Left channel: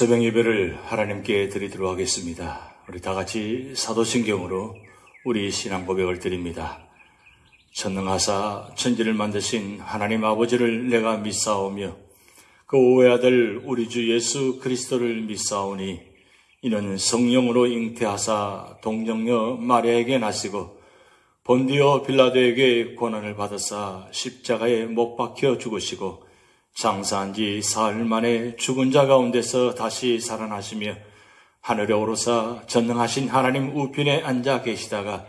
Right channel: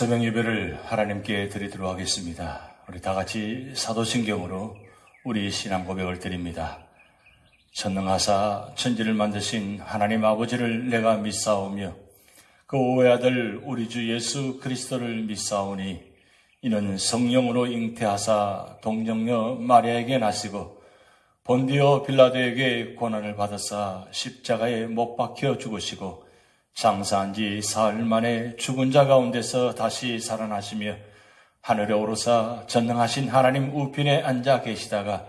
새벽 예배를 하나님께 드리도록 하겠습니다. 우리 다 같이 사도신경으로 우리 신앙 고백을 드립니다. 전능하사 천지를 만드신 하나님 아버지를 내가 믿사오며 그 오의 아들 우리 주 예수 그리스도를 믿사오니 이는 성령으로 잉태하사 동정녀 마리아에게 나시고 본디오 빌라도에게 고난을 받으사 십자가에 못 박혀 죽으시고 장사한 지 사흘 만에 죽은 자 가운데서 다시 살아나시며 하늘에 오르사 전능하신 하나님 우편에 앉아 계시다가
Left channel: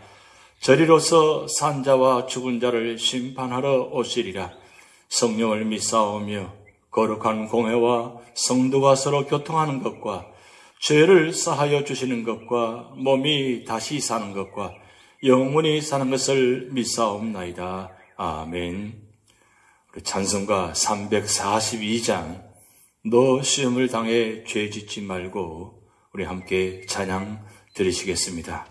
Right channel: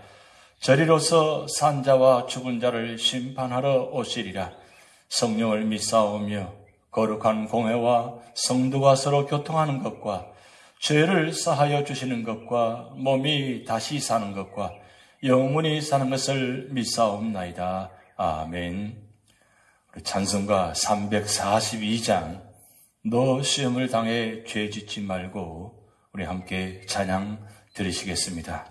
저리로서 산 자와 죽은 자를 심판하러 오시리라. 성령을 믿사오며 거룩한 공회와 성도가 서로 교통하는 것과 죄를 사하여 주시는 것과 몸이 다시 사는 것과 영원히 사는 것을 믿사옵나이다. 아멘. 찬송가 342장 너 시험을 당해 죄 짓지 말고 우리 함께 찬양 드리시겠습니다.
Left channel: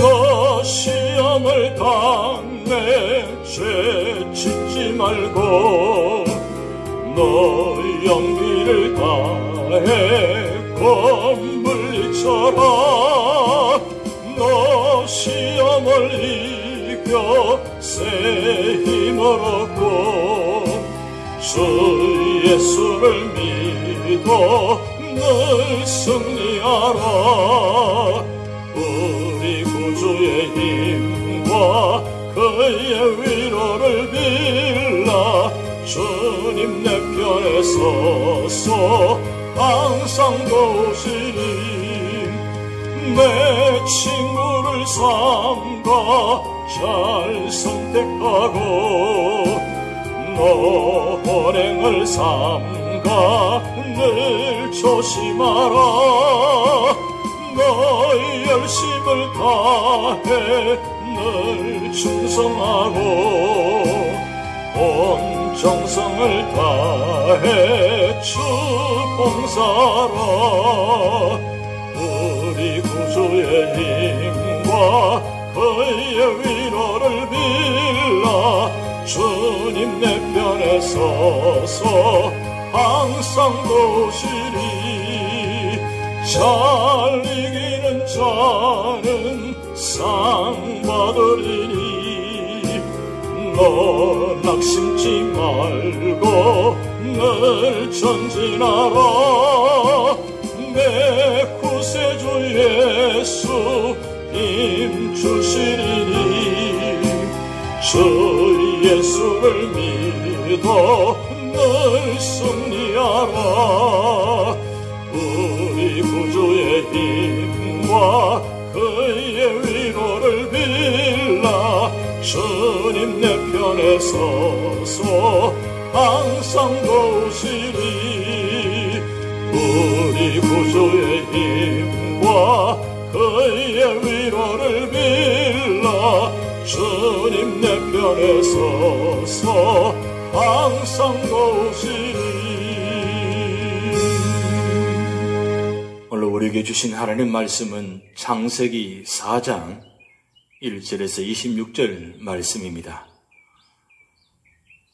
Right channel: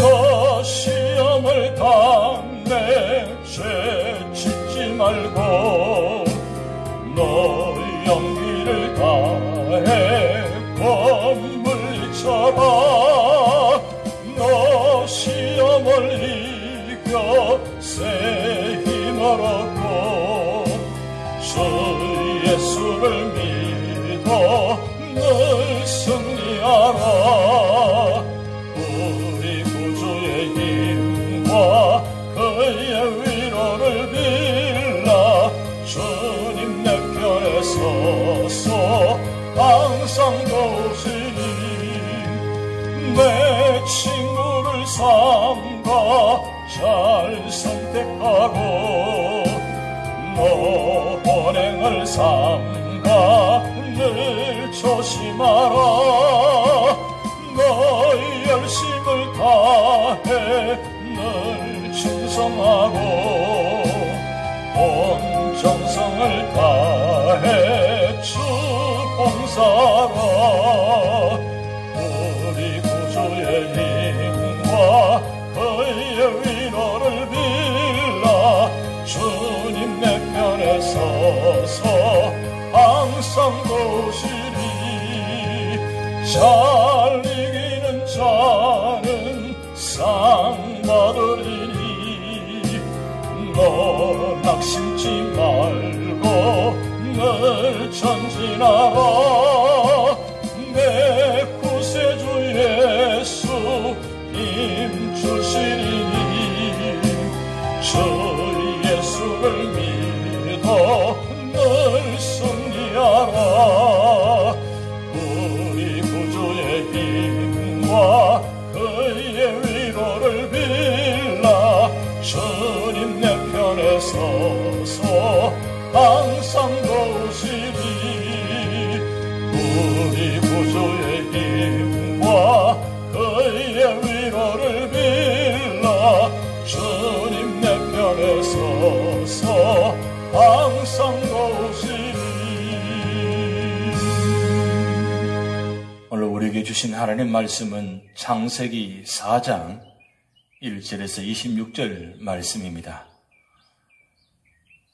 너 시험을 당해 죄 짓지 말고 너 용기를 다해 물리쳐라. 너 시험을 이겨 새 힘을 얻고 주 예수를 믿어 늘 승리하라. 우리 구주의 힘과 그의 위로를 빌라. 주님 내 편에 서서 항상 도우시니 내 친구를 삼가 잘 선택하고 너 불행을 삼가 늘 조심하라. 너의 열심을 다해 늘 충성하고 온 정성을 다해 주 봉사하라. 우리 구주의 힘과 그의 위로를 빌라. 주님 내 편에 서서 항상 도우시리. 잘 이기는 자는 상 받으리니 너 낙심치 말고 늘 전진하라. 내 구세주 예수 힘 주시리니 주 예수를 믿어 늘 승리하라. 우리 구주의 힘과 그의 위로를 빌라. 주님 내 편에 서서 항상 도우시리. 우리 구주의 힘과 그의 위로를 빌라. 주님 내 편에 서서 항상 도우시리. 오늘 우리에게 주신 하나님 말씀은 창세기 4장 1절에서 26절 말씀입니다.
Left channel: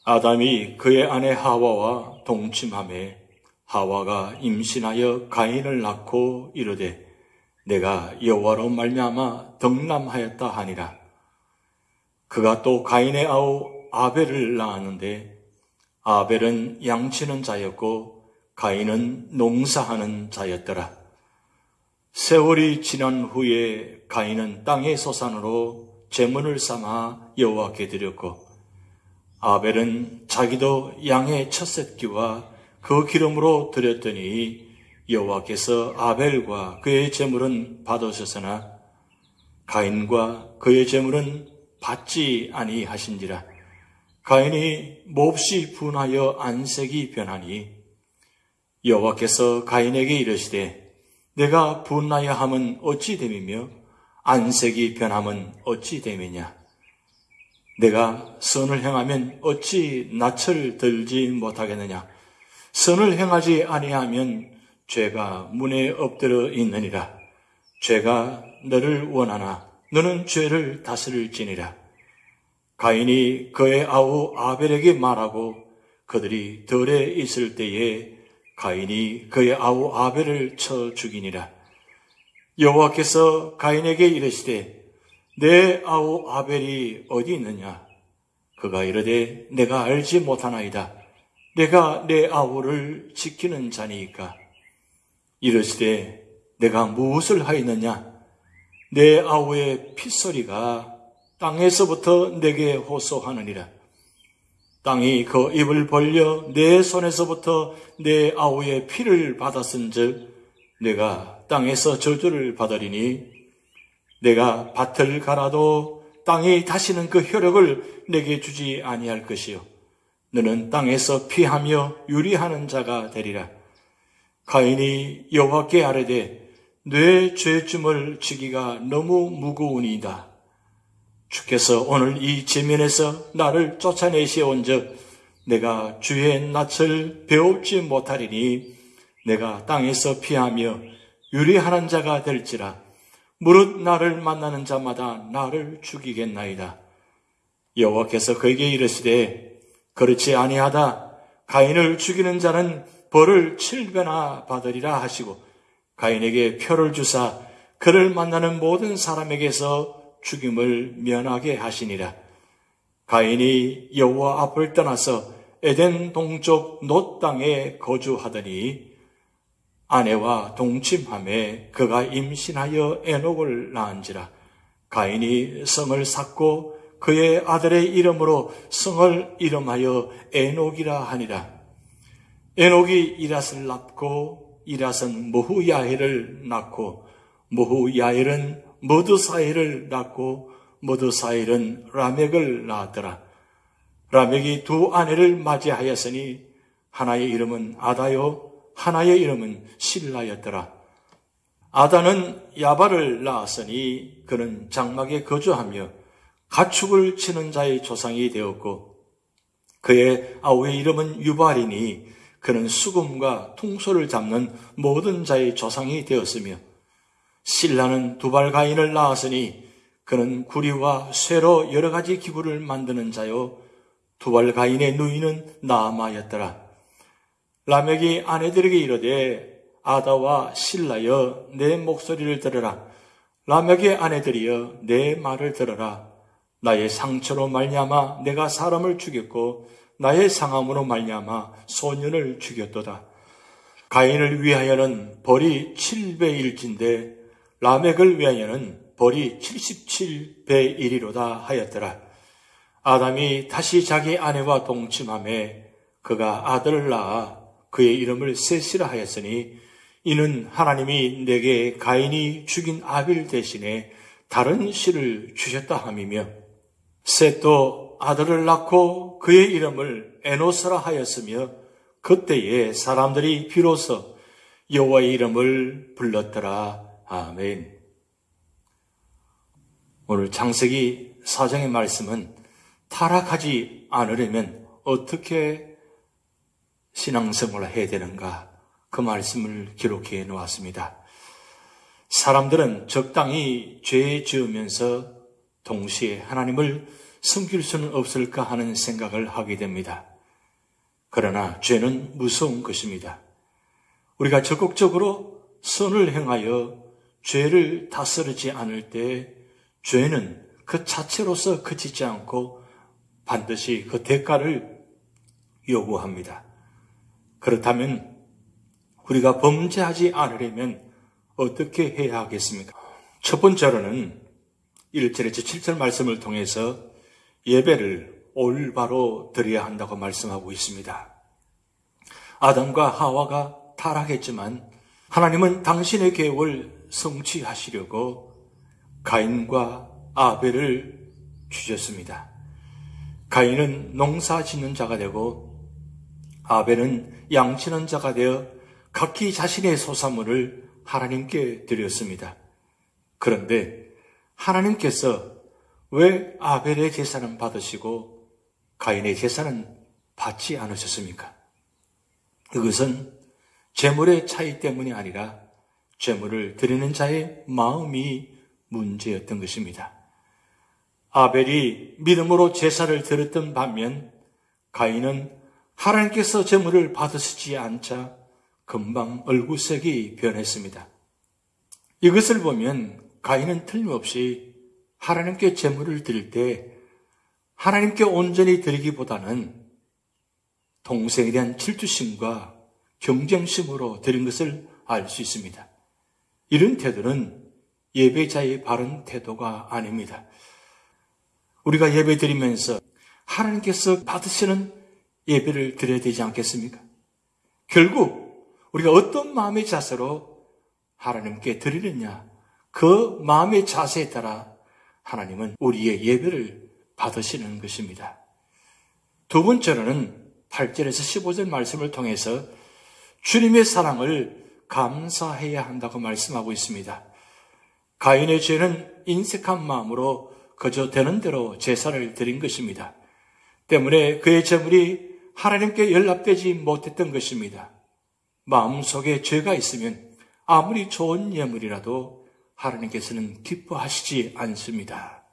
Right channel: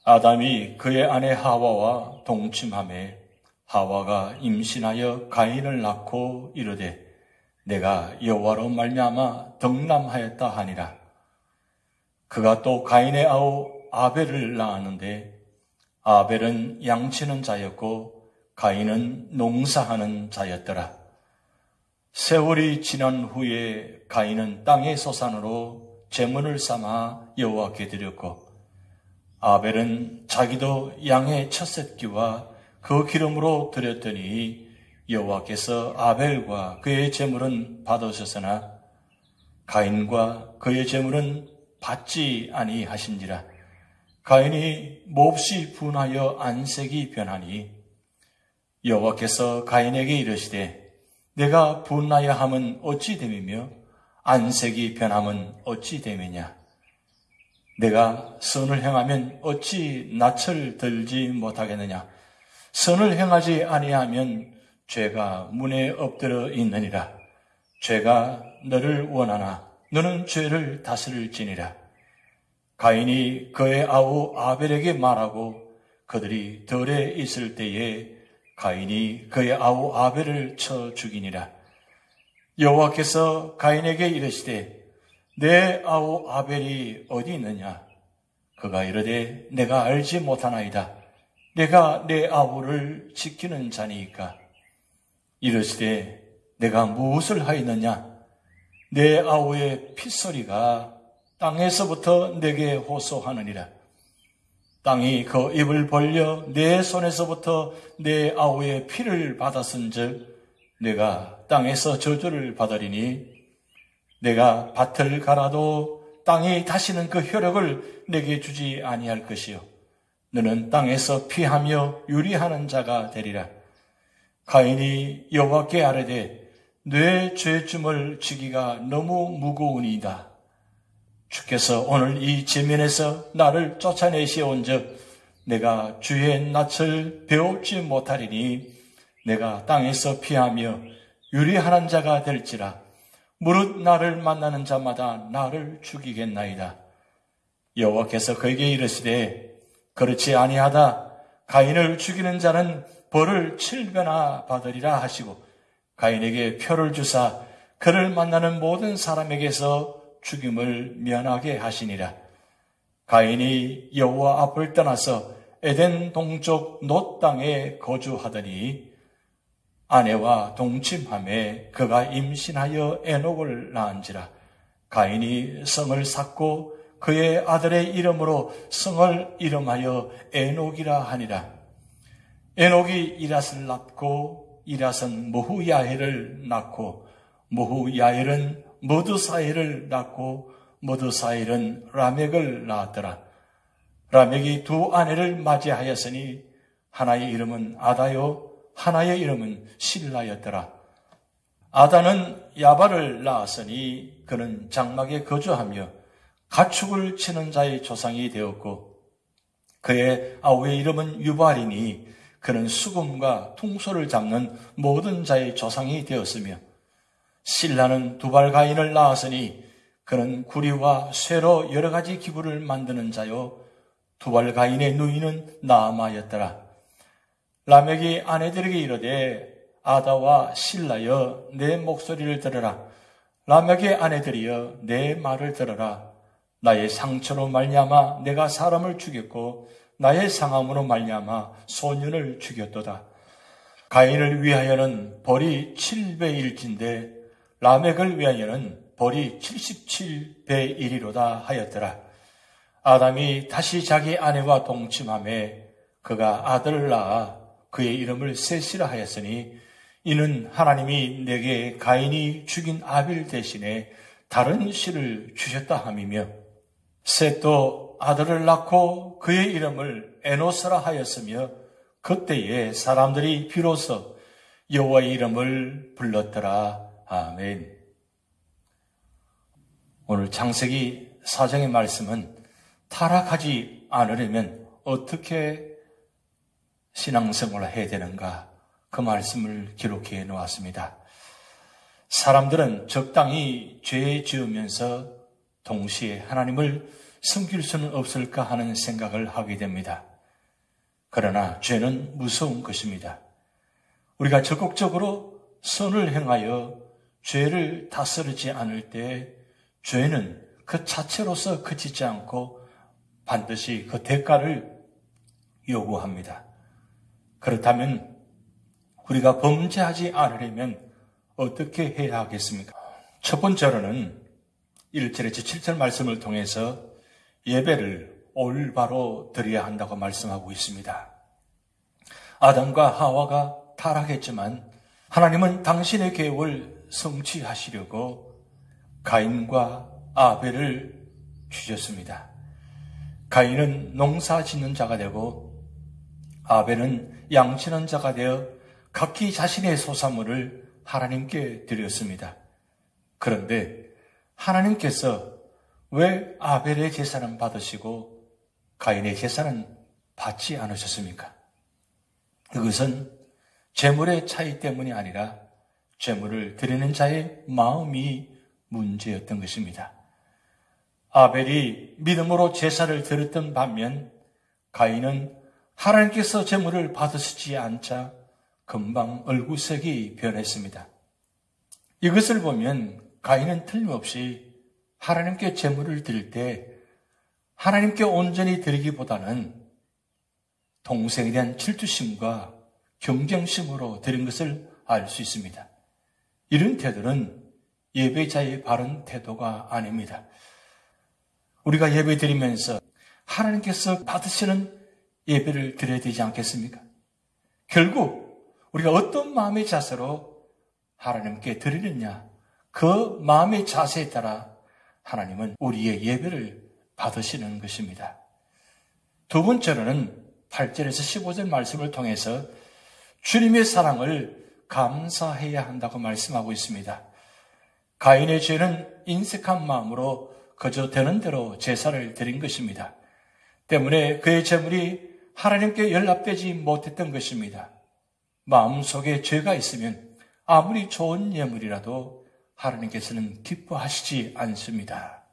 아담이 그의 아내 하와와 동침하매 하와가 임신하여 가인을 낳고 이르되 내가 여호와로 말미암아 덕남하였다 하니라. 그가 또 가인의 아우 아벨을 낳았는데 아벨은 양치는 자였고 가인은 농사하는 자였더라. 세월이 지난 후에 가인은 땅의 소산으로 제물을 삼아 여호와께 드렸고 아벨은 자기도 양의 첫 새끼와 그 기름으로 드렸더니 여호와께서 아벨과 그의 제물은 받으셨으나 가인과 그의 제물은 받지 아니하신지라. 가인이 몹시 분하여 안색이 변하니 여호와께서 가인에게 이르시되 내가 분하여 함은 어찌 됨이며 안색이 변함은 어찌 됨이냐. 내가 선을 행하면 어찌 낯을 들지 못하겠느냐. 선을 행하지 아니하면 죄가 문에 엎드려 있느니라. 죄가 너를 원하나 너는 죄를 다스릴지니라. 가인이 그의 아우 아벨에게 말하고 그들이 들에 있을 때에 가인이 그의 아우 아벨을 쳐 죽이니라. 여호와께서 가인에게 이르시되 내 아우 아벨이 어디 있느냐? 그가 이르되 내가 알지 못하나이다. 내가 내 아우를 지키는 자니이까. 이르시되 내가 무엇을 하였느냐? 내 아우의 핏소리가 땅에서부터 내게 호소하느니라. 땅이 그 입을 벌려 내 손에서부터 내 아우의 피를 받았은즉 내가 땅에서 저주를 받으리니 내가 밭을 갈아도 땅이 다시는 그 효력을 내게 주지 아니할 것이요 너는 땅에서 피하며 유리하는 자가 되리라. 가인이 여호와께 아뢰되 내 죄짐을 지기가 너무 무거우니이다. 주께서 오늘 이 지면에서 나를 쫓아내시온즉 내가 주의 낯을 배웁지 못하리니 내가 땅에서 피하며 유리하는 자가 될지라. 무릇 나를 만나는 자마다 나를 죽이겠나이다. 여호와께서 그에게 이르시되 그렇지 아니하다. 가인을 죽이는 자는 벌을 7배나 받으리라 하시고 가인에게 표를 주사 그를 만나는 모든 사람에게서 죽임을 면하게 하시니라. 가인이 여호와 앞을 떠나서 에덴 동쪽 놋 땅에 거주하더니 아내와 동침하매 그가 임신하여 에녹을 낳은지라. 가인이 성을 샀고 그의 아들의 이름으로 성을 이름하여 에녹이라 하니라. 에녹이 이랏을 낳고 이랏은 무후야헬을 낳고 무후야헬은 머드사헬을 낳고 머드사헬은 라멕을 낳았더라. 라멕이 두 아내를 맞이하였으니 하나의 이름은 아다요 하나의 이름은 실라였더라. 아다는 야발을 낳았으니 그는 장막에 거주하며 가축을 치는 자의 조상이 되었고 그의 아우의 이름은 유발이니 그는 수금과 퉁소를 잡는 모든 자의 조상이 되었으며 실라는 두발 가인을 낳았으니 그는 구리와 쇠로 여러 가지 기구를 만드는 자요 두발 가인의 누이는 나아마였더라. 라멕이 아내들에게 이르되 아다와 실라여 내 목소리를 들으라. 라멕의 아내들이여 내 말을 들으라. 나의 상처로 말미암아 내가 사람을 죽였고 나의 상함으로 말미암아 소년을 죽였도다. 가인을 위하여는 벌이 7배일진데 라멕을 위하여는 벌이 77배 1이로다 하였더라. 아담이 다시 자기 아내와 동침하매 그가 아들을 낳아 그의 이름을 셋이라 하였으니 이는 하나님이 내게 가인이 죽인 아벨 대신에 다른 씨를 주셨다 함이며 셋도 아들을 낳고 그의 이름을 에노스라 하였으며 그때에 사람들이 비로소 여호와의 이름을 불렀더라. 아멘. 오늘 창세기 4장의 말씀은 타락하지 않으려면 어떻게 신앙생활을 해야 되는가 그 말씀을 기록해 놓았습니다. 사람들은 적당히 죄 지으면서 동시에 하나님을 섬길 수는 없을까 하는 생각을 하게 됩니다. 그러나 죄는 무서운 것입니다. 우리가 적극적으로 선을 행하여 죄를 다스리지 않을 때 죄는 그 자체로서 그치지 않고 반드시 그 대가를 요구합니다. 그렇다면 우리가 범죄하지 않으려면 어떻게 해야 하겠습니까? 첫 번째로는 1절에서 7절 말씀을 통해서 예배를 올바로 드려야 한다고 말씀하고 있습니다. 아담과 하와가 타락했지만 하나님은 당신의 계획을 성취하시려고 가인과 아벨을 주셨습니다. 가인은 농사 짓는 자가 되고 아벨은 양치는 자가 되어 각기 자신의 소산물을 하나님께 드렸습니다. 그런데 하나님께서 왜 아벨의 제사는 받으시고 가인의 제사는 받지 않으셨습니까? 그것은 제물의 차이 때문이 아니라 제물을 드리는 자의 마음이 문제였던 것입니다. 아벨이 믿음으로 제사를 드렸던 반면 가인은 하나님께서 제물을 받으시지 않자 금방 얼굴색이 변했습니다. 이것을 보면 가인은 틀림없이 하나님께 제물을 드릴 때 하나님께 온전히 드리기보다는 동생에 대한 질투심과 경쟁심으로 드린 것을 알 수 있습니다. 이런 태도는 예배자의 바른 태도가 아닙니다. 우리가 예배 드리면서 하나님께서 받으시는 예배를 드려야 되지 않겠습니까? 결국 우리가 어떤 마음의 자세로 하나님께 드리느냐, 그 마음의 자세에 따라 하나님은 우리의 예배를 받으시는 것입니다. 두 번째로는 8절에서 15절 말씀을 통해서 주님의 사랑을 감사해야 한다고 말씀하고 있습니다. 가인의 죄는 인색한 마음으로 그저 되는 대로 제사를 드린 것입니다. 때문에 그의 제물이 하나님께 연락되지 못했던 것입니다. 마음속에 죄가 있으면 아무리 좋은 예물이라도 하나님께서는 기뻐하시지 않습니다.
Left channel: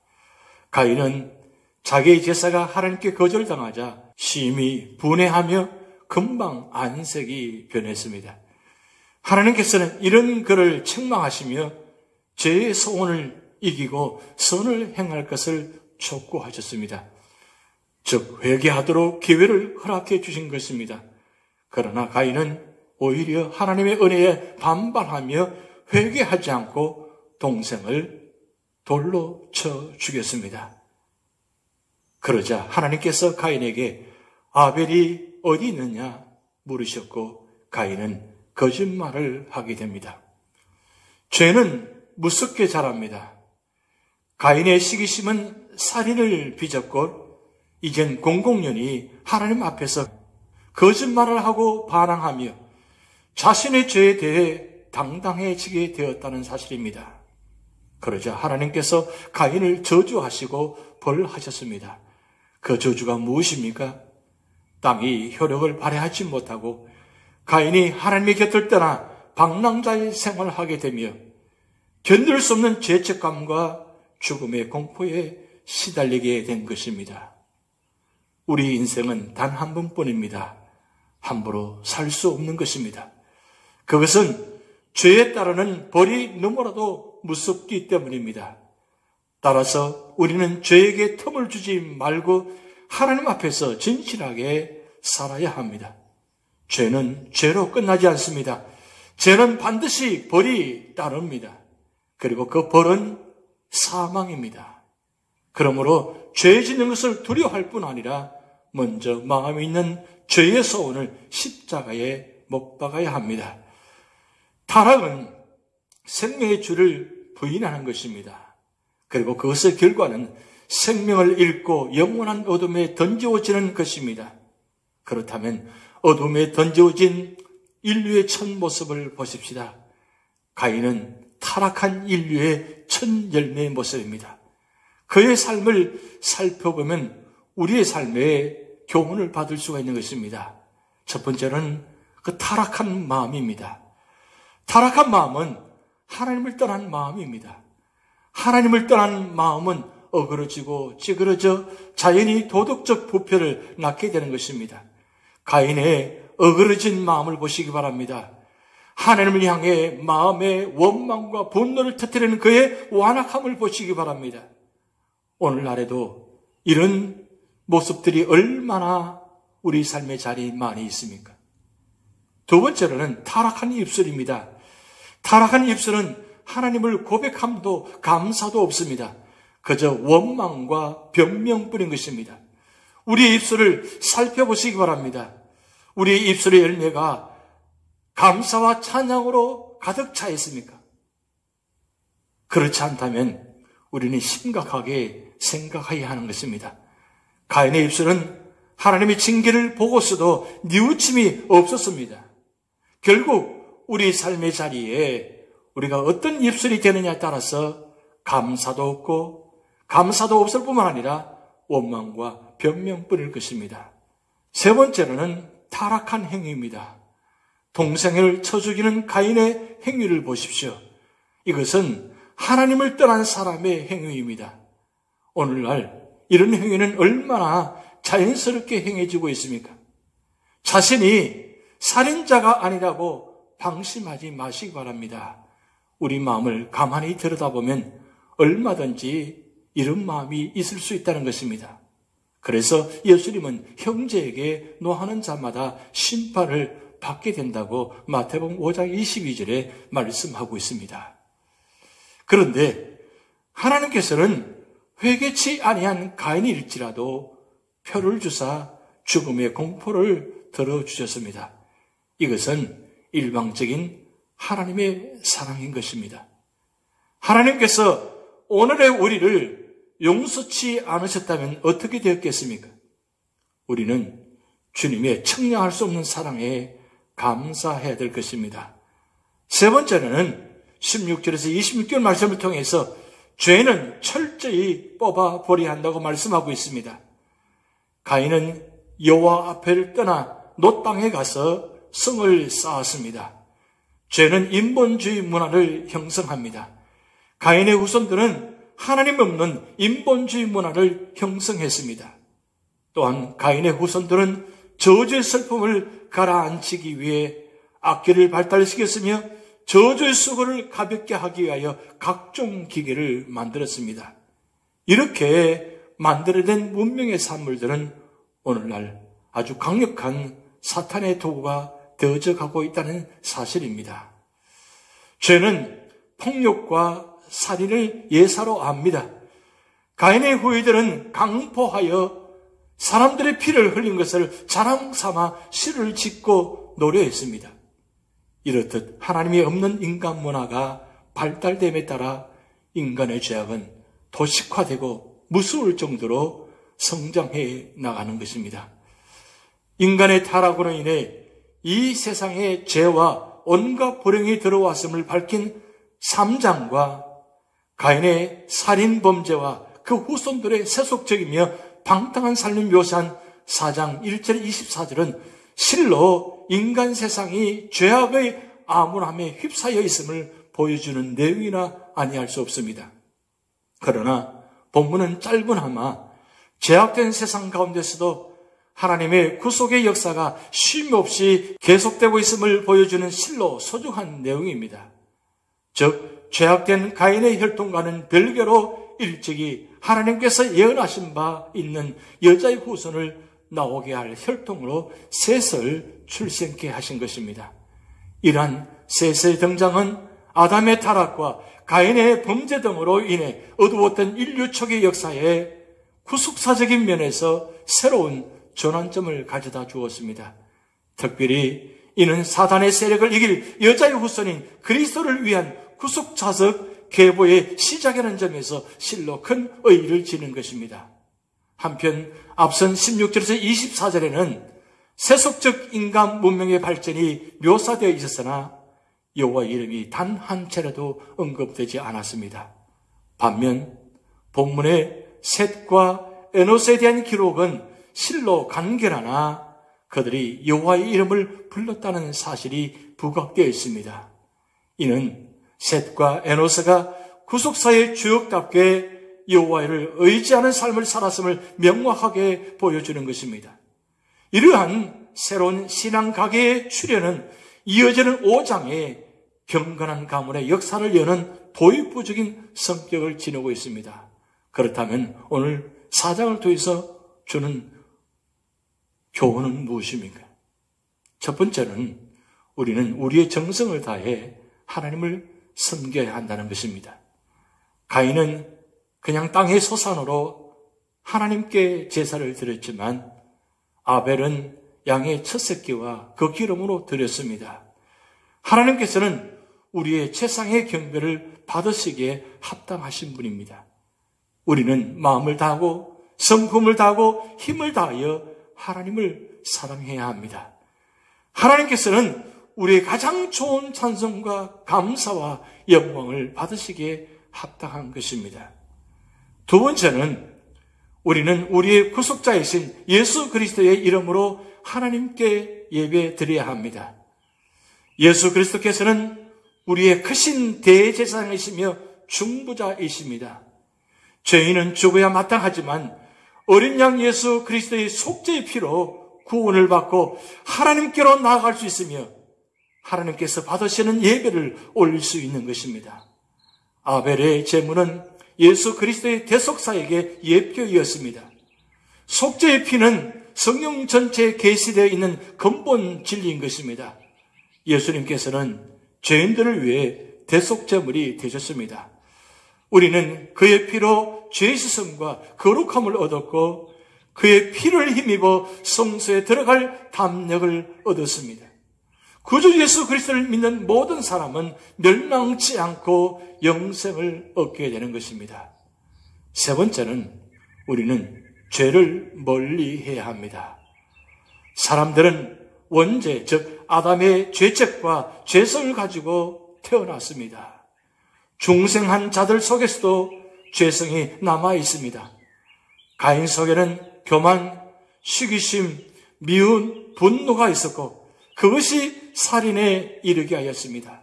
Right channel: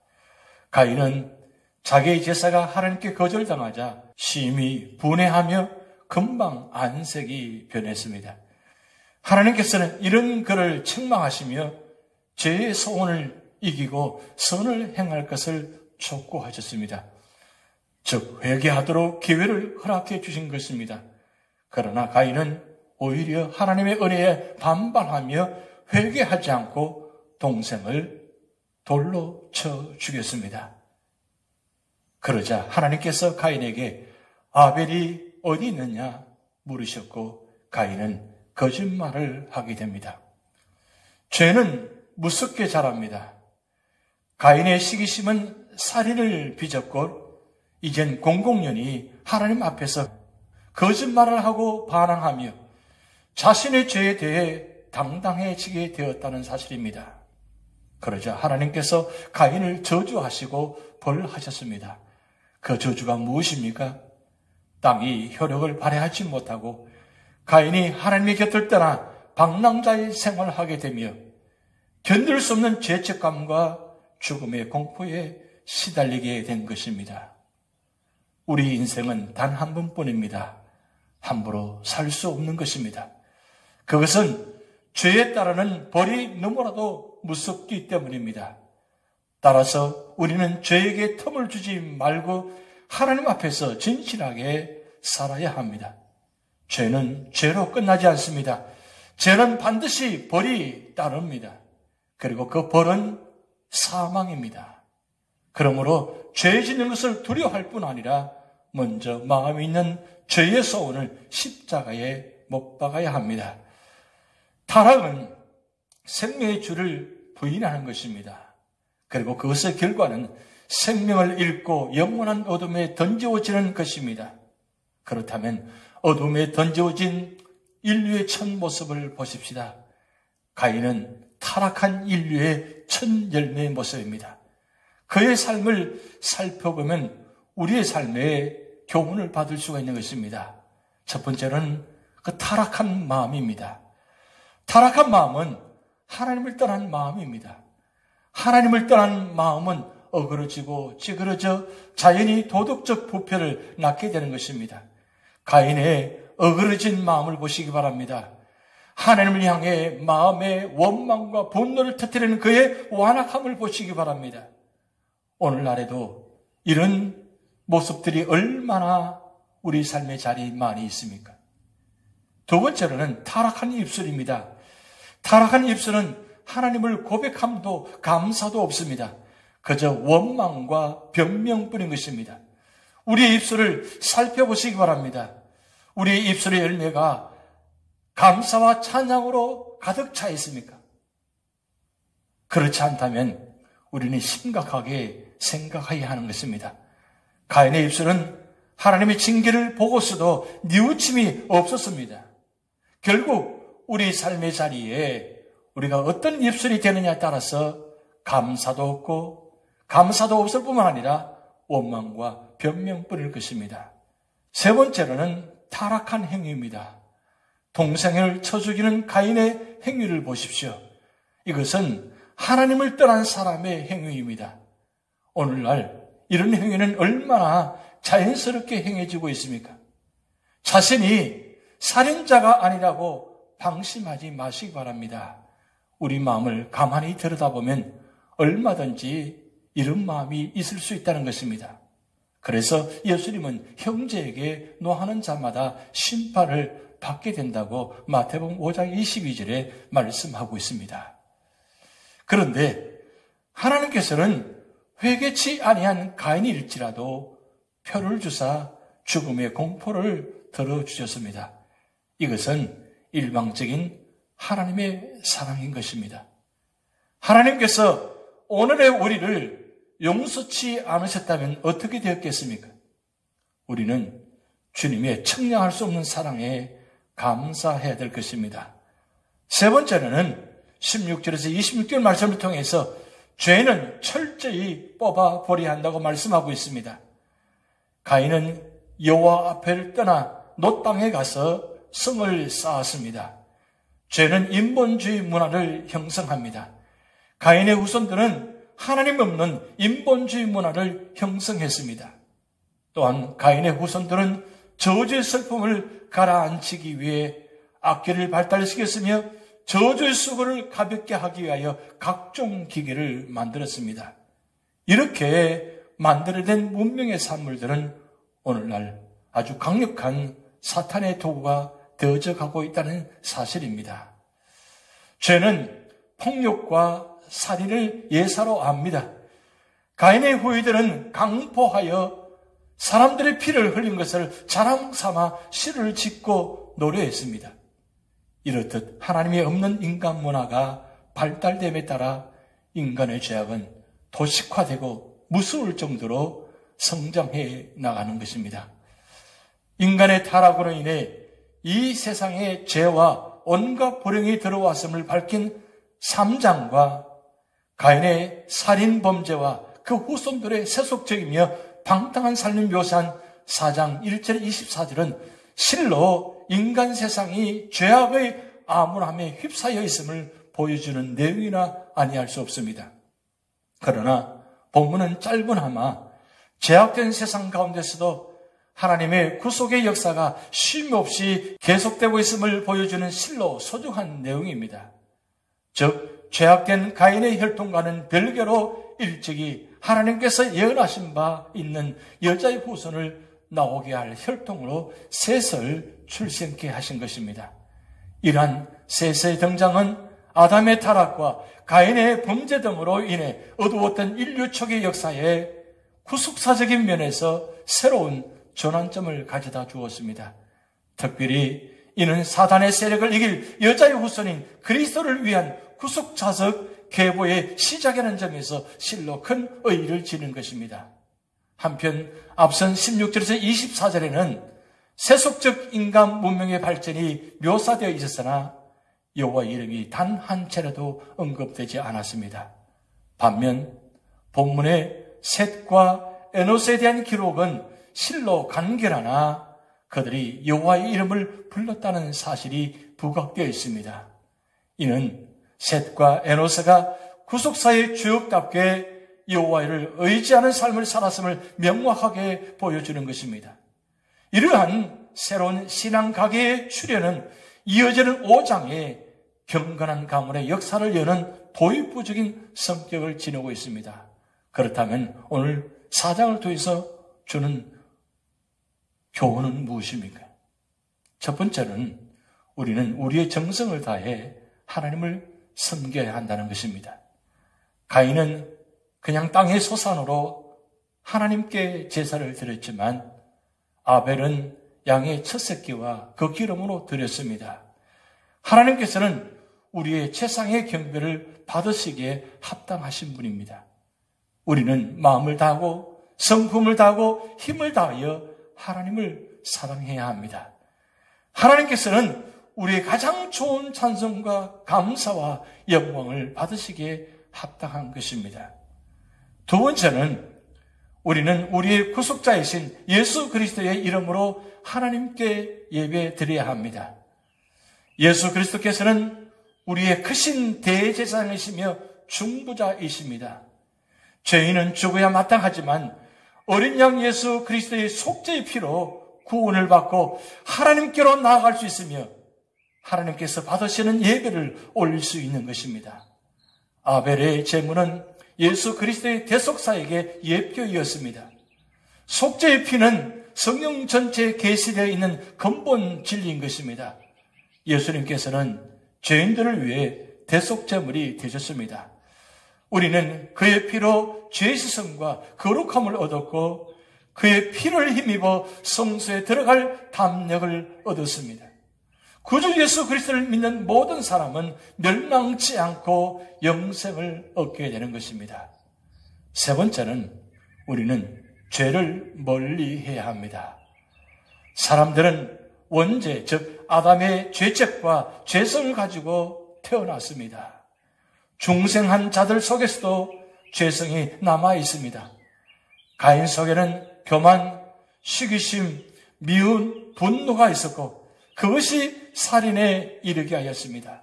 가인은 자기의 제사가 하나님께 거절당하자 심히 분해하며 금방 안색이 변했습니다. 하나님께서는 이런 그를 책망하시며 죄의 소원을 이기고 선을 행할 것을 촉구하셨습니다. 즉 회개하도록 기회를 허락해 주신 것입니다. 그러나 가인은 오히려 하나님의 은혜에 반발하며 회개하지 않고 동생을 돌로 쳐 죽였습니다. 그러자 하나님께서 가인에게 아벨이 어디 있느냐 물으셨고 가인은 거짓말을 하게 됩니다. 죄는 무섭게 자랍니다. 가인의 시기심은 살인을 빚었고 이젠 공공연히 하나님 앞에서 거짓말을 하고 반항하며 자신의 죄에 대해 당당해지게 되었다는 사실입니다. 그러자 하나님께서 가인을 저주하시고 벌하셨습니다. 그 저주가 무엇입니까? 땅이 효력을 발휘하지 못하고 가인이 하나님의 곁을 떠나 방랑자의 생활을 하게 되며 견딜 수 없는 죄책감과 죽음의 공포에 시달리게 된 것입니다. 우리 인생은 단 한 번뿐입니다. 함부로 살 수 없는 것입니다. 그것은 죄에 따르는 벌이 너무나도 무섭기 때문입니다. 따라서 우리는 죄에게 틈을 주지 말고 하나님 앞에서 진실하게 살아야 합니다. 죄는 죄로 끝나지 않습니다. 죄는 반드시 벌이 따릅니다. 그리고 그 벌은 사망입니다. 그러므로 죄 짓는 것을 두려워할 뿐 아니라 먼저 마음에 있는 죄의 소원을 십자가에 못 박아야 합니다. 타락은 생명의 주를 부인하는 것입니다. 그리고 그것의 결과는 생명을 잃고 영원한 어둠에 던져지는 것입니다. 그렇다면 어둠에 던져진 인류의 첫 모습을 보십시다. 가인은 타락한 인류의 첫 열매의 모습입니다. 그의 삶을 살펴보면 우리의 삶에 교훈을 받을 수가 있는 것입니다. 첫 번째는 그 타락한 마음입니다. 타락한 마음은 하나님을 떠난 마음입니다. 하나님을 떠난 마음은 어그러지고 찌그러져 자연히 도덕적 부패를 낳게 되는 것입니다. 가인의 어그러진 마음을 보시기 바랍니다. 하나님을 향해 마음의 원망과 분노를 터뜨리는 그의 완악함을 보시기 바랍니다. 오늘날에도 이런 모습들이 얼마나 우리 삶의 자리에 많이 있습니까? 두 번째로는 타락한 입술입니다. 타락한 입술은 하나님을 고백함도 감사도 없습니다. 그저 원망과 변명뿐인 것입니다. 우리의 입술을 살펴보시기 바랍니다. 우리의 입술의 열매가 감사와 찬양으로 가득 차 있습니까? 그렇지 않다면 우리는 심각하게 생각해야 하는 것입니다. 가인의 입술은 하나님의 징계를 보고서도 뉘우침이 없었습니다. 결국 우리 삶의 자리에 우리가 어떤 입술이 되느냐에 따라서 감사도 없고 감사도 없을 뿐만 아니라 원망과 변명뿐일 것입니다. 세 번째로는 타락한 행위입니다. 동생을 쳐 죽이는 가인의 행위를 보십시오. 이것은 하나님을 떠난 사람의 행위입니다. 오늘날 이런 행위는 얼마나 자연스럽게 행해지고 있습니까? 자신이 살인자가 아니라고 방심하지 마시기 바랍니다. 우리 마음을 가만히 들여다보면 얼마든지 이런 마음이 있을 수 있다는 것입니다. 그래서 예수님은 형제에게 노하는 자마다 심판을 받게 된다고 마태복음 5장 22절에 말씀하고 있습니다. 그런데 하나님께서는 회개치 아니한 가인일지라도 표를 주사 죽음의 공포를 들어주셨습니다. 이것은 일방적인 하나님의 사랑인 것입니다. 하나님께서 오늘의 우리를 용서치 않으셨다면 어떻게 되었겠습니까? 우리는 주님의 청량할 수 없는 사랑에 감사해야 될 것입니다. 세 번째는 16절에서 26절 말씀을 통해서 죄는 철저히 뽑아버려야 한다고 말씀하고 있습니다. 가인은 여호와 앞을 떠나 놋 땅에 가서 성을 쌓았습니다. 죄는 인본주의 문화를 형성합니다. 가인의 후손들은 하나님 없는 인본주의 문화를 형성했습니다. 또한 가인의 후손들은 저주의 슬픔을 가라앉히기 위해 악기를 발달시켰으며 저주의 수고를 가볍게 하기 위하여 각종 기계를 만들었습니다. 이렇게 만들어낸 문명의 산물들은 오늘날 아주 강력한 사탄의 도구가 되어져 가고 있다는 사실입니다. 죄는 폭력과 살인을 예사로 합니다. 가인의 후예들은 강포하여 사람들의 피를 흘린 것을 자랑 삼아 시를 짓고 노래했습니다. 이렇듯 하나님이 없는 인간 문화가 발달됨에 따라 인간의 죄악은 도식화되고 무서울 정도로 성장해 나가는 것입니다. 인간의 타락으로 인해 이 세상에 죄와 온갖 불행이 들어왔음을 밝힌 3장과 가인의 살인 범죄와 그 후손들의 세속적이며 방탕한 삶을 묘사한 4장 1절 24절은 실로 인간 세상이 죄악의 암울함에 휩싸여 있음을 보여주는 내용이나 아니할 수 없습니다. 그러나 본문은 짧으나마 죄악된 세상 가운데서도 하나님의 구속의 역사가 쉼없이 계속되고 있음을 보여주는 실로 소중한 내용입니다. 즉 죄악된 가인의 혈통과는 별개로 일찍이 하나님께서 예언하신 바 있는 여자의 후손을 나오게 할 혈통으로 셋을 출생케 하신 것입니다. 이러한 셋의 등장은 아담의 타락과 가인의 범죄 등으로 인해 어두웠던 인류 초기 역사에 구속사적인 면에서 새로운 전환점을 가져다 주었습니다. 특별히 이는 사단의 세력을 이길 여자의 후손인 그리스도를 위한 구속사적 계보의 시작이라는 점에서 실로 큰 의의를 지는 것입니다. 한편 앞선 16절에서 24절에는 세속적 인간 문명의 발전이 묘사되어 있었으나 여호와의 이름이 단 한 차례도 언급되지 않았습니다. 반면 본문의 셋과 에노스에 대한 기록은 실로 간결하나 그들이 여호와의 이름을 불렀다는 사실이 부각되어 있습니다. 이는 셋과 에노스가 구속사의 주역답게 여호와를 의지하는 삶을 살았음을 명확하게 보여주는 것입니다. 이러한 새로운 신앙 가계의 출현은 이어지는 5장의 경건한 가문의 역사를 여는 도입부적인 성격을 지니고 있습니다. 그렇다면 오늘 4장을 통해서 주는 교훈은 무엇입니까? 첫 번째는 우리는 우리의 정성을 다해 하나님을 섬겨야 한다는 것입니다. 가인은 그냥 땅의 소산으로 하나님께 제사를 드렸지만 아벨은 양의 첫 새끼와 그 기름으로 드렸습니다. 하나님께서는 우리의 최상의 경배를 받으시기에 합당하신 분입니다. 우리는 마음을 다하고 성품을 다하고 힘을 다하여 하나님을 사랑해야 합니다. 하나님께서는 우리의 가장 좋은 찬송과 감사와 영광을 받으시기에 합당한 것입니다. 두 번째는 우리는 우리의 구속자이신 예수 그리스도의 이름으로 하나님께 예배 드려야 합니다. 예수 그리스도께서는 우리의 크신 대제사장이시며 중보자이십니다. 죄인은 죽어야 마땅하지만 어린 양 예수 그리스도의 속죄의 피로 구원을 받고 하나님께로 나아갈 수 있으며 하나님께서 받으시는 예배를 올릴 수 있는 것입니다. 아벨의 제물은 예수 그리스도의 대속사에게 예표이었습니다. 속죄의 피는 성령 전체에 계시되어 있는 근본 진리인 것입니다. 예수님께서는 죄인들을 위해 대속제물이 되셨습니다. 우리는 그의 피로 죄 씻음과 거룩함을 얻었고 그의 피를 힘입어 성소에 들어갈 담력을 얻었습니다. 구주 예수 그리스도를 믿는 모든 사람은 멸망치 않고 영생을 얻게 되는 것입니다. 세 번째는 우리는 죄를 멀리해야 합니다. 사람들은 원죄, 즉 아담의 죄책과 죄성을 가지고 태어났습니다. 중생한 자들 속에서도 죄성이 남아 있습니다. 가인 속에는 교만, 시기심, 미움, 분노가 있었고 그것이 살인에 이르게 하였습니다.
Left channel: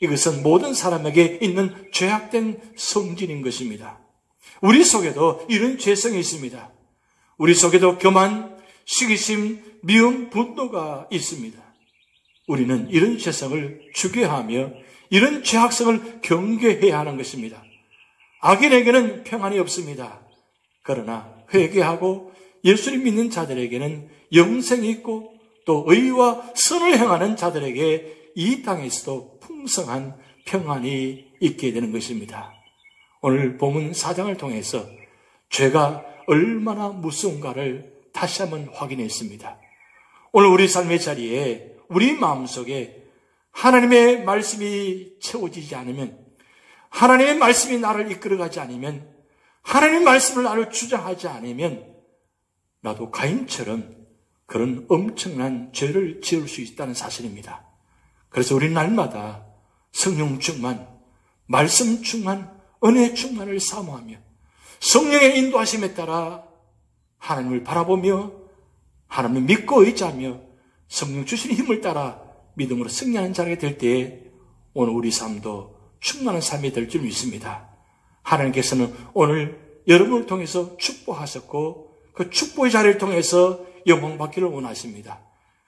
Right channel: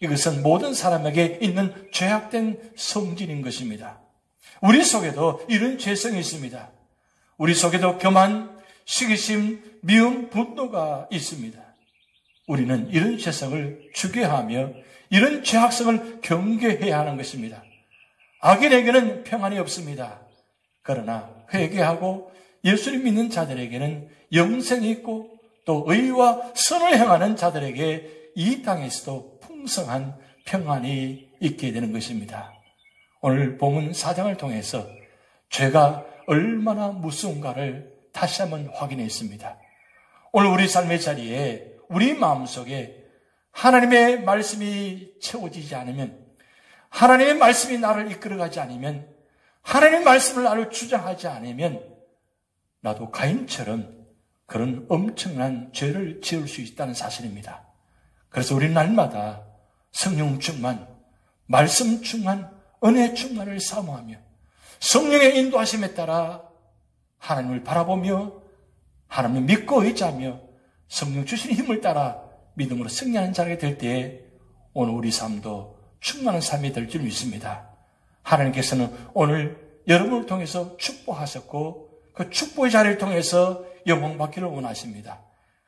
이것은 모든 사람에게 있는 죄악된 성질인 것입니다. 우리 속에도 이런 죄성이 있습니다. 우리 속에도 교만, 시기심, 미움, 분노가 있습니다. 우리는 이런 죄성을 죽여야 하며 이런 죄악성을 경계해야 하는 것입니다. 악인에게는 평안이 없습니다. 그러나 회개하고 예수를 믿는 자들에게는 영생이 있고 또 의와 선을 행하는 자들에게 이 땅에서도 풍성한 평안이 있게 되는 것입니다. 오늘 본문 4장을 통해서 죄가 얼마나 무서운가를 다시 한번 확인했습니다. 오늘 우리 삶의 자리에 우리 마음속에 하나님의 말씀이 채워지지 않으면, 하나님의 말씀이 나를 이끌어가지 않으면, 하나님의 말씀을 나를 주장하지 않으면 나도 가인처럼 그런 엄청난 죄를 지을 수 있다는 사실입니다. 그래서 우리 날마다 성령 충만, 말씀 충만, 은혜 충만을 사모하며 성령의 인도하심에 따라 하나님을 바라보며 하나님을 믿고 의지하며 성령 주신 힘을 따라 믿음으로 승리하는 자가 될 때에 오늘 우리 삶도 충만한 삶이 될 줄 믿습니다. 하나님께서는 오늘 여러분을 통해서 축복하셨고 그 축복의 자리를 통해서 영광받기를 원하십니다.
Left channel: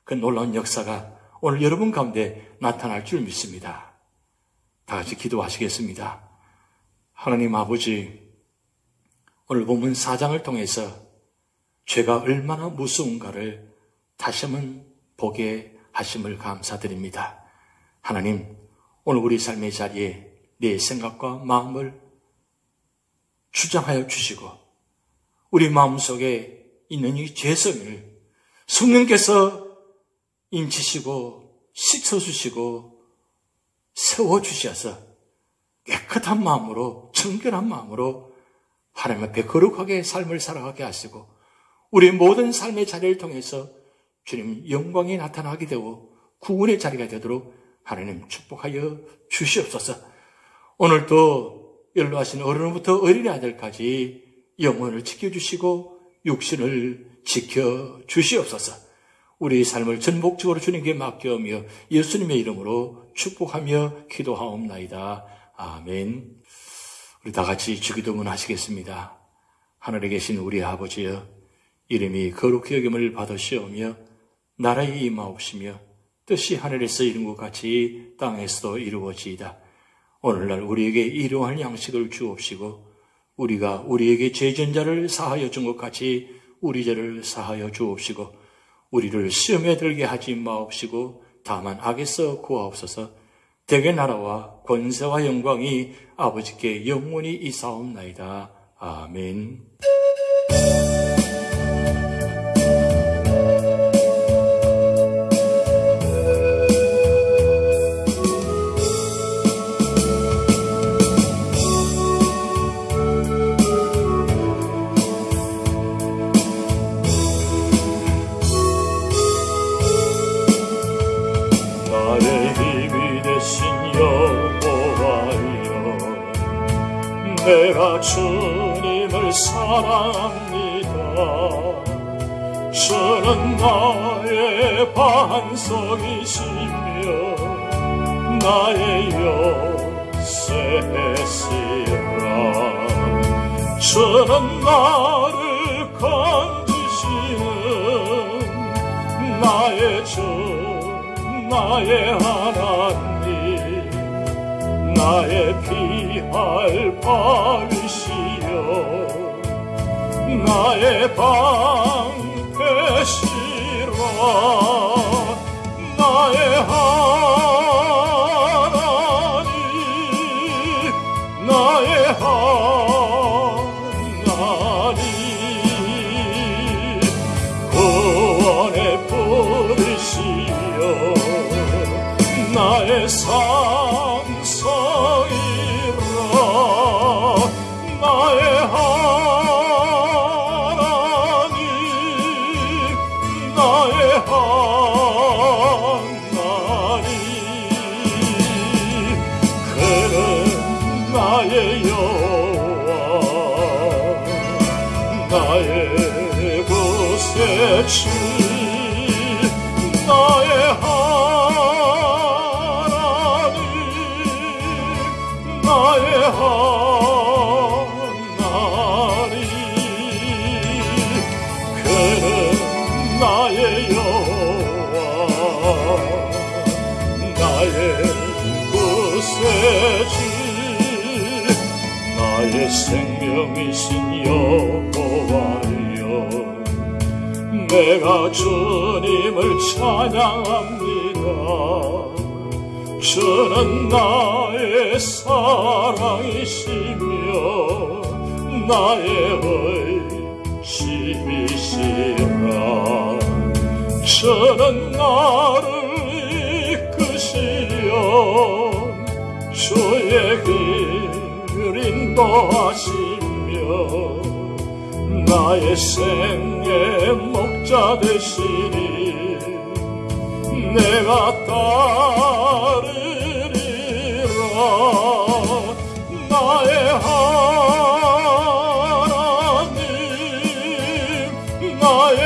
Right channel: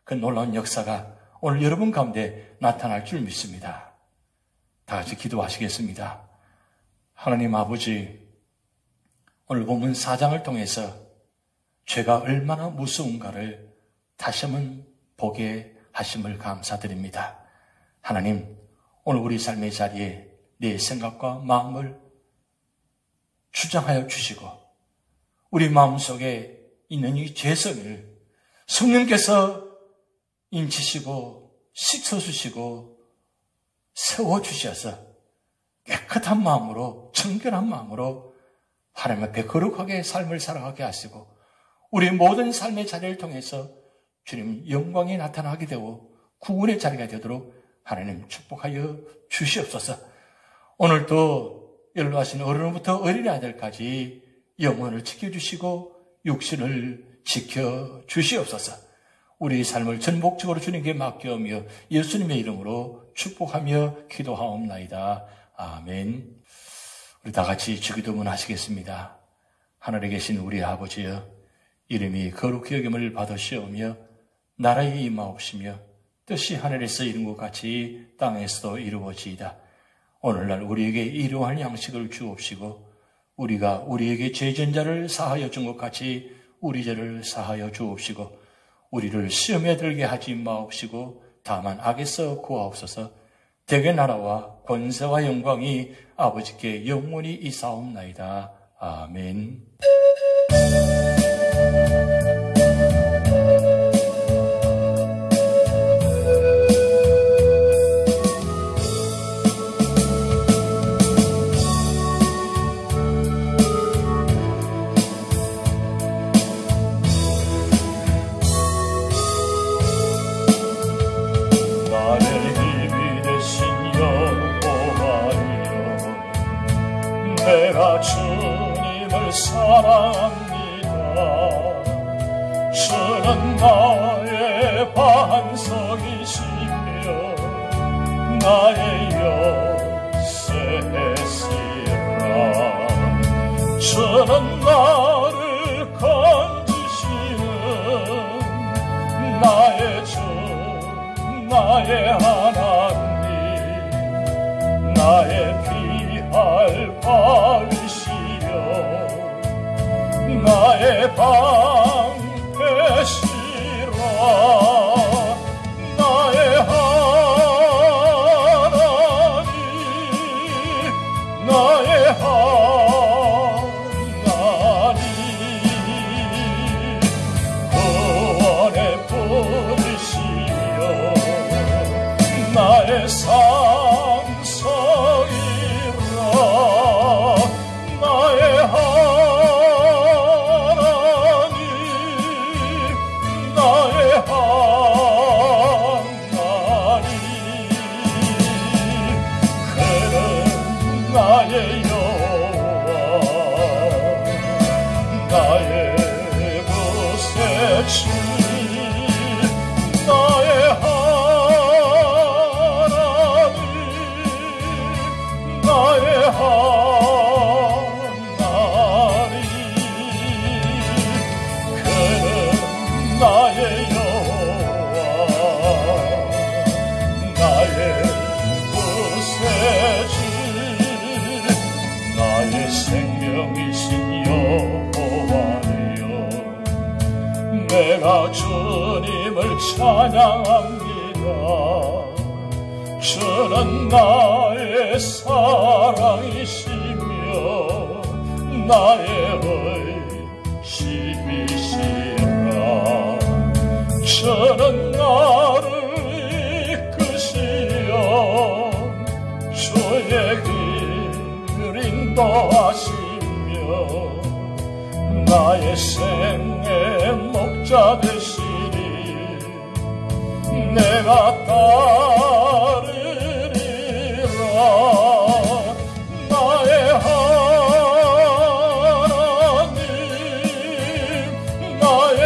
그 놀라운 역사가 오늘 여러분 가운데 나타날 줄 믿습니다. 다 같이 기도하시겠습니다. 하나님 아버지, 오늘 본문 4장을 통해서 죄가 얼마나 무서운가를 다시 한번 보게 하심을 감사드립니다. 하나님, 오늘 우리 삶의 자리에 내 생각과 마음을 주장하여 주시고 우리 마음속에 있는 이 죄성을 성령께서 인치시고 씻어주시고 세워주셔서 깨끗한 마음으로 정결한 마음으로 하나님 앞에 거룩하게 삶을 살아가게 하시고 우리 모든 삶의 자리를 통해서 주님 영광이 나타나게 되고 구원의 자리가 되도록 하나님 축복하여 주시옵소서. 오늘도 연로하신 어른부터 어린아이들까지 영혼을 지켜주시고 육신을 지켜주시옵소서. 우리의 삶을 전복적으로 주님께 맡겨오며 예수님의 이름으로 축복하며 기도하옵나이다. 아멘. 우리 다 같이 주기도문 하시겠습니다. 하늘에 계신 우리 아버지여, 이름이 거룩히 여김을 받으시오며 나라에 임하옵시며 뜻이 하늘에서 이룬 것 같이 땅에서도 이루어지이다. 오늘날 우리에게 일용할 양식을 주옵시고 우리가 우리에게 죄전자를 사하여 준 것 같이 우리 죄를 사하여 주옵시고 우리를 시험에 들게 하지 마옵시고 다만 악에서 구하옵소서. 대개 나라와 권세와 영광이 아버지께 영원히 이사옵나이다. 아멘. 내가 주님을 사랑합니다. 주는 나의 반석이시며 나의 요새시라. 주는 나를 건지시는 나의 주 나의 하나님 나의 피할 바위시여 나의 방패시라 나의 하나님 나의 하나님 구원의 뿌리시여 나의 산성이라 나의 하나님 나의 하나님 그는 나의 여호와 나의 구세주 나의 하나님 나의 하나님 그는 나의 여호와 나의 구세주 나의 생명이신 여호와여 내가 주님을 찬양합니다 주는 나의 사랑이시며 나의 의심이시라 주는 나를 이끄시어 주의 길 인도하시며 나의 생의 목자 되시니 내가 따르리라 나의 하나님 나의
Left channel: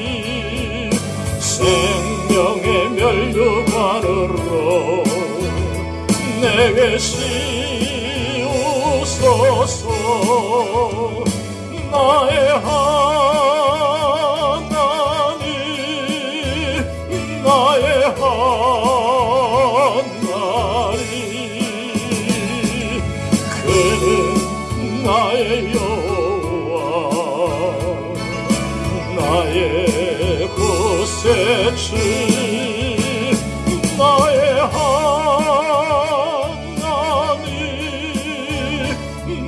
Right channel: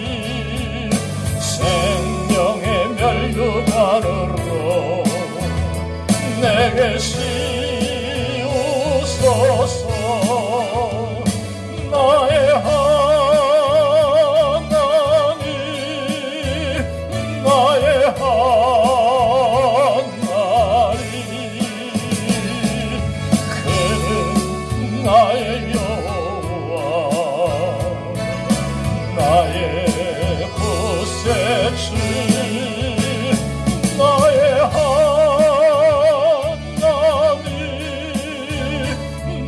하나님 생명의 멸류관으로 내게 씌우소서 나의 하나님 나의 하나님 그는 나의 여호와 나의 구세주 나의 하나님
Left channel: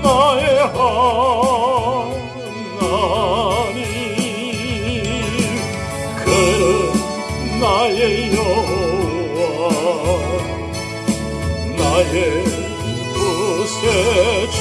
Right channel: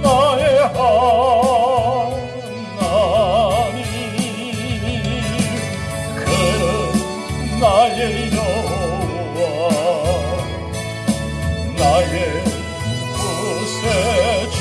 나의 하나님 그는 나의 여호와 나의 구세주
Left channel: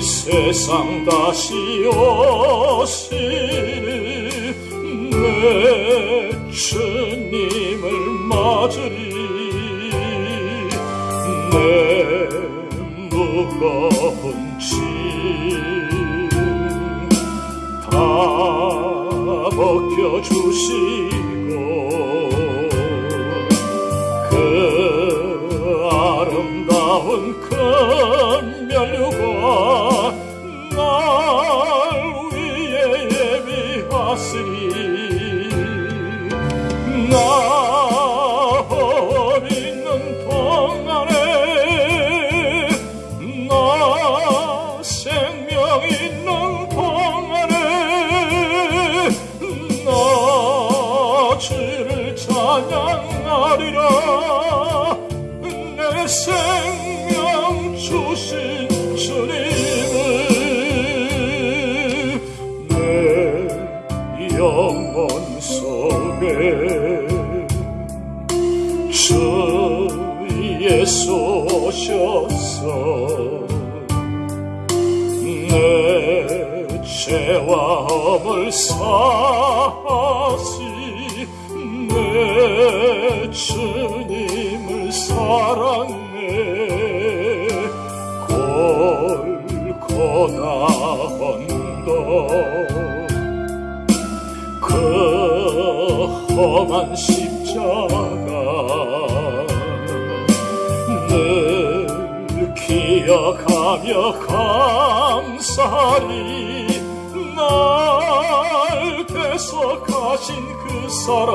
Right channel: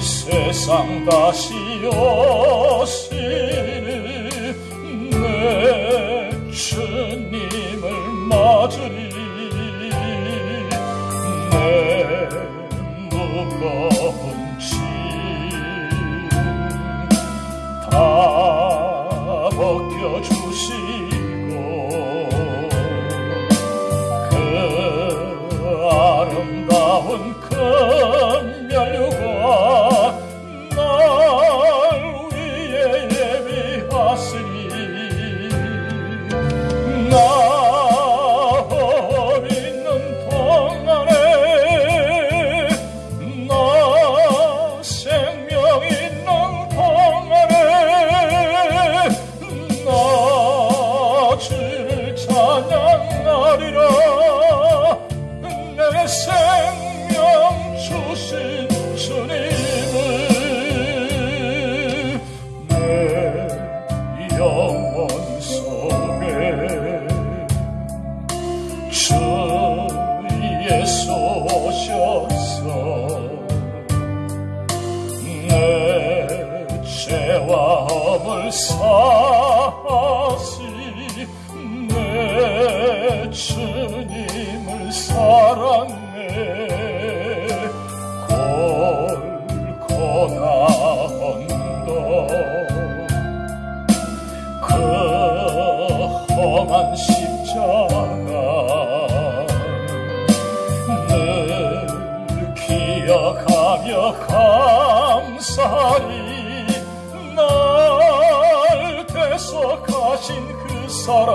이 세상 다시 오시는 내 주님을 맞으리. 내 무거운 짐 다 벗겨주시고 그 아름다운 긍휼과 날 위에 예비하시니 나 홀 있는 동안에 나 생명 있는 동안에 나 주를 찬양하리라. 내 생명 주신 주님을 내 영혼 속에 주 예수 오셔서 내 죄와 허물 사하시 내 주님을 사랑해. 골고다 언덕 그 험한 십자가 늘 기억하며 감사리. 날 대속하신 그 사랑